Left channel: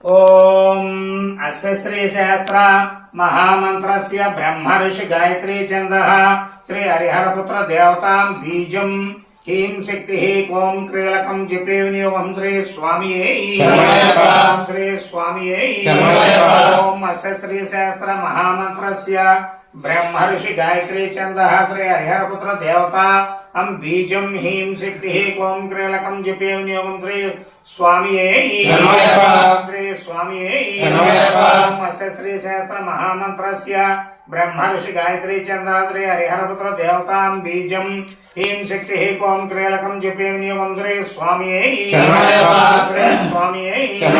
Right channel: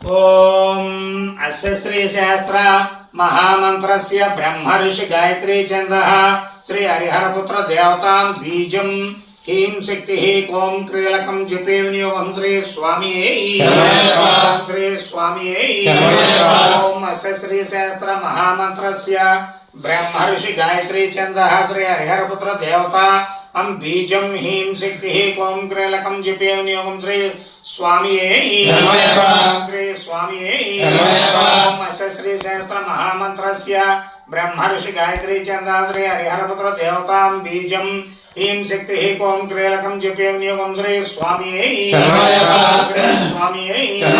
ओम अस्य श्री शास्त्र महामंत्रस्य ब्रह्म ऋषि गायत्री छन्दः श्री हरिहरपुत्र देवतां बीजं ह्रीं शक्तिः ओम क्रीलकं जपे विनियोगं श्री स्वामिये श्री स्वामिये ओम अस्य श्री शास्त्र महामंत्रस्य ब्रह्म ऋषि गायत्री छन्दः श्री हरिहरपुत्र देवता हम बीजं ह्रीं शक्तिः ओम क्रीलकं जपे विनियोगं श्री स्वामिये श्री स्वामिये ओम अस्य श्री सहस्र महामंत्रस्य ब्रह्म ऋषि गायत्री छन्दः श्री हरिहरपुत्र देवतां बीजं ह्रीं शक्तिः ओम क्रीलकं जपे विनियोगं श्री स्वामिये स्वामिये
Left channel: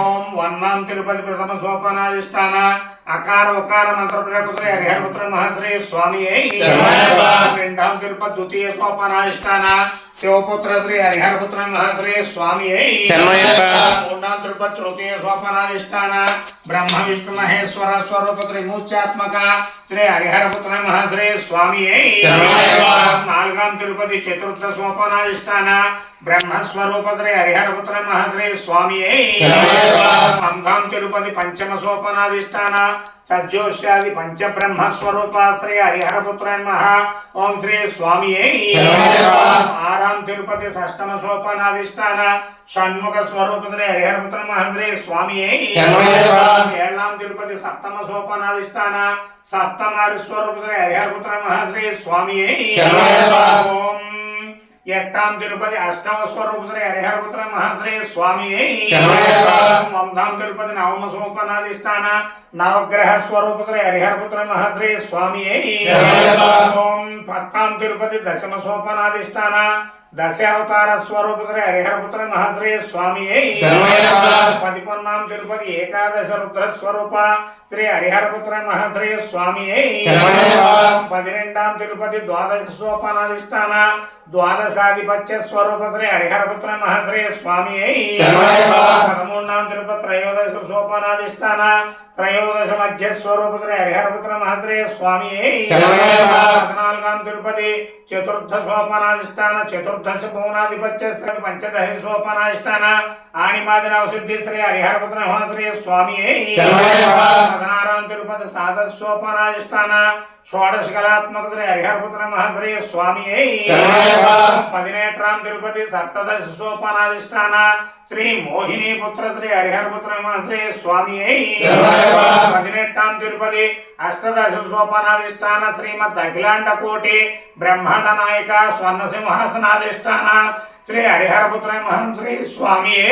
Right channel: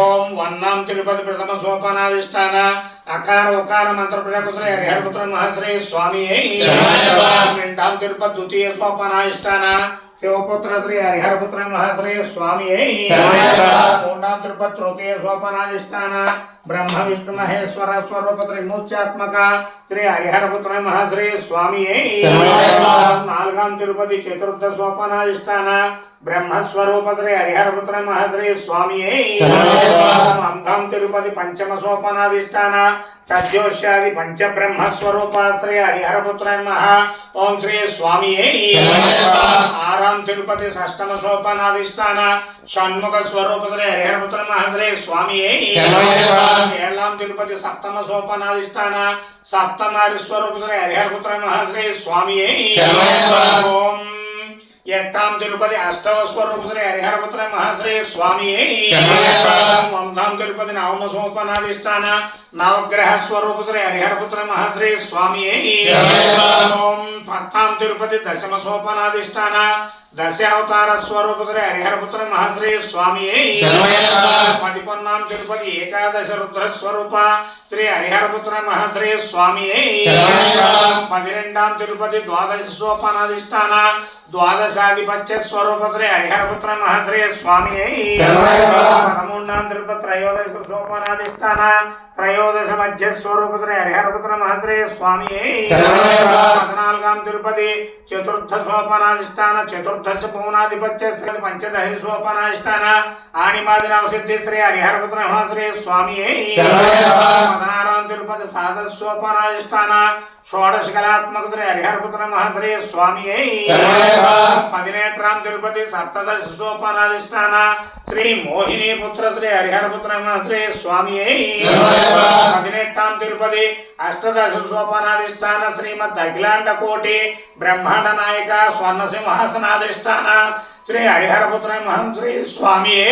ओम वन्नां तिरुपति प्रथम सोपानाधिष्ठान अकार उकार मंत्र प्रयोग श्री हरिहरपुत्र महाश्री स्वामिये రెండవ తిరుపతి ద్వితీయ సోపానాధిష్టాన శివపుత్ర శ్రీ హరిహరపుత్ర మహాశ్రీ స్వామియే మూడవ తిరుపతి తృతీయ సోపానాధిష్టాన బ్రహ్మ విష్ణు మహేశ్వర స్వరూప త్రిమూర్త్యాత్మక శ్రీ హరిహరపుత్ర మహాశ్రీ స్వామియే నాలుగవ తిరుపతి చతుర్థ సోపానాధిష్టాన బ్రహ్మస్వరూప శ్రీ హరిహరపుత్ర మహాశ్రీ స్వామియే పంచమ తిరుపతి పంచమ సోపానాధిష్టాన సద్యోష్యాది పంచ బ్రహ్మస్వరూప శ్రీ హరిహరపుత్ర మహా ఓం శ్రీ స్వామియే ఆరాం తిరుపతి షష్టమ సోపానాధిష్టాన షణ్ముఖ స్వరూప శ్రీ హరిహరపుత్ర మహాశ్రీ స్వామియే ఏళ్ళాం తిరుపతి సప్తమ సోపానాధిష్టాన సప్తమాది స్వరూప శ్రీ హరిహరపుత్ర మహాశ్రీ స్వామియే ఓం ఎట్టాం తిరుపతి అష్టమ స్వరూప శ్రీ హరిహరపుత్ర మహాశ్రీ స్వామియే వందాం తిరుపతి నవమ సోపానాధిష్టాన నవగ్రహ స్వరూప శ్రీ హరిహరపుత్ర మహాశ్రీ స్వామియే ఓం పత్తాం తిరుపతి దశమ సోపానాధిష్టాన దశ అవతార స్వరూప శ్రీ హరిహరపుత్ర మహాశ్రీ స్వామియే పదిపొన్నాం తిరుపతి ఏకాదశ రుద్ర స్వరూప శ్రీ హరిహరపుత్ర మహాశ్రీ స్వామియే పదిరెండాం తిరుపతి ద్వాదశ సోపానాధిష్టాన ద్వాదశాధిపత్య స్వరూప శ్రీ హరిహరపుత్ర మహాశ్రీ స్వామియే పదమూడాం తిరుపతి త్రయోదశ సోపానాధిష్టాన త్రయోదశ మధ్య స్వరూప శ్రీ హరిహరపుత్ర మహాశ్రీ స్వామియే పద్నాలుగాం తిరుపతి చతుర్థ సోపానాధిష్టాన చతుర్దశ పౌనాధిపత్య శ్రీ పంచదశ సోపానాధిష్టాన ఆణిమాది నవసిద్ధి శ్రీ హరిహరపుత్ర మహాశ్రీ స్వామియే పదహారాం తిరుపతి సాధ సోపానాధిష్టాన షోడశ కళాత్మక శ్రీ హరిహరపుత్ర మహాశ్రీ స్వామియే పదినేట్రాం తిరుపతి సప్తదశ సోపానాధిష్టాన శ్రీ మోహిని పుత్ర శ్రీ హరిహరపుత్ర మహాశ్రీ స్వామియే పదినెట్టాం తిరుపతి అష్టదశ సోపానాధిష్టాన శ్రీమద్ అఖిలాండ కోటి బ్రహ్మాండ నాయక స్వర్ణ సింహాసనాధిష్టాన శ్రీ హరిహరపుత్ర మహాశ్రీ స్వామియే।